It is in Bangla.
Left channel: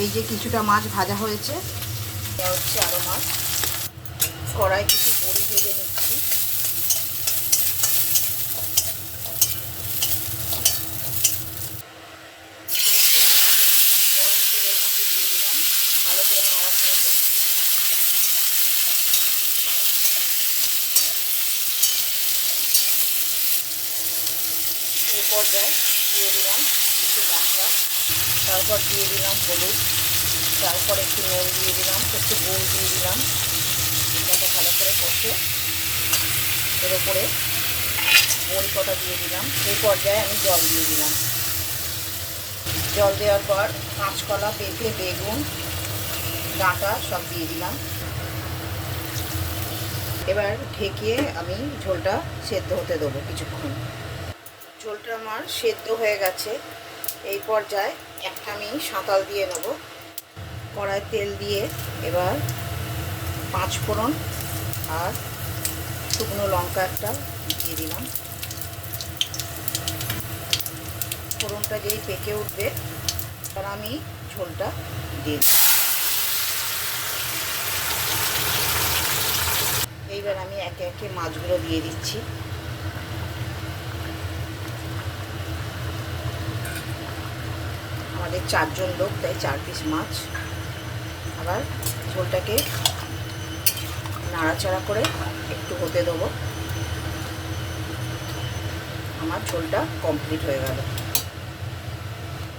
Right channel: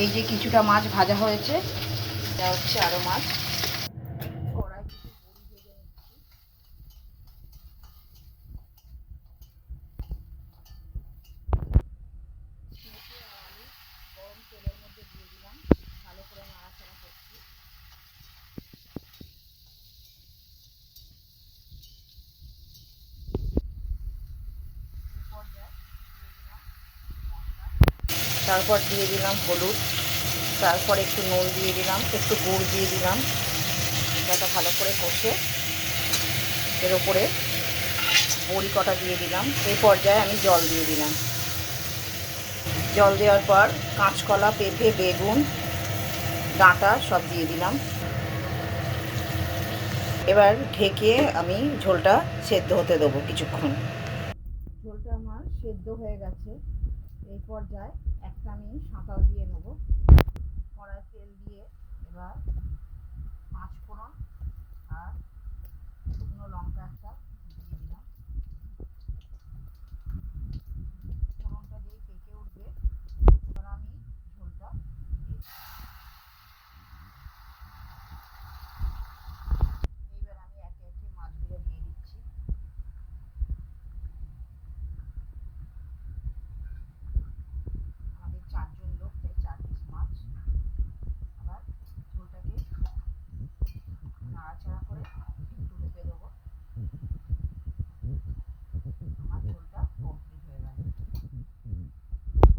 এই যে কিছুটা মাছ ভাজা হয়েছে, এটা হচ্ছে আরও মাছ। কড়াই কিছু বড়ি ভেজে নিচ্ছি। গরম তেলের মধ্যে দিয়ে দিলাম, ভালো করে নাড়াচাড়া করছি। এই পর্যায়ে দিয়ে দিলাম কিছু মশলা, তারপর দিয়ে দিলাম হলুদ, তারপর একটু নুন দিয়ে দিলাম, একটু গুড় দিয়ে দিলাম। এটা ভালো করে কষে এর ওপরে বড়ি কটা দিয়ে দিলাম। এই পর্যায়ে আমি জল দিয়ে দিলাম। জল দেওয়ার পর কাঁচকলা, পেঁপে, বেগুন, ডাঁটা সব দিয়ে দিলাম। এবার ঢেকে আমি ঝোলটা সেদ্ধ হতে দেবো কিছুক্ষণ। ঝোলটা আমার সেদ্ধ হয়ে গেছে। এই পর্যায়ে একটা আমি সাঁতাল দিয়ে নেব। কড়ায় তেল দিয়ে এবার 5 ফোড়ন আর শুকনো লঙ্কা একটা দিয়ে দিলাম। ফোড়নটা যেই পেকে উঠবে তার আমি ঝোলটা দিয়ে দিই। এইবার আমি একে একে মাছগুলো দিয়ে দিচ্ছি। আমাদের 4 জন লোক, তাই 4 পিস মাছ। আবার ঝোলটাকে নাড়াচাড়া করে একটু হতে দেবো। আমার ঝোলটা কমপ্লিট হয়ে গেল।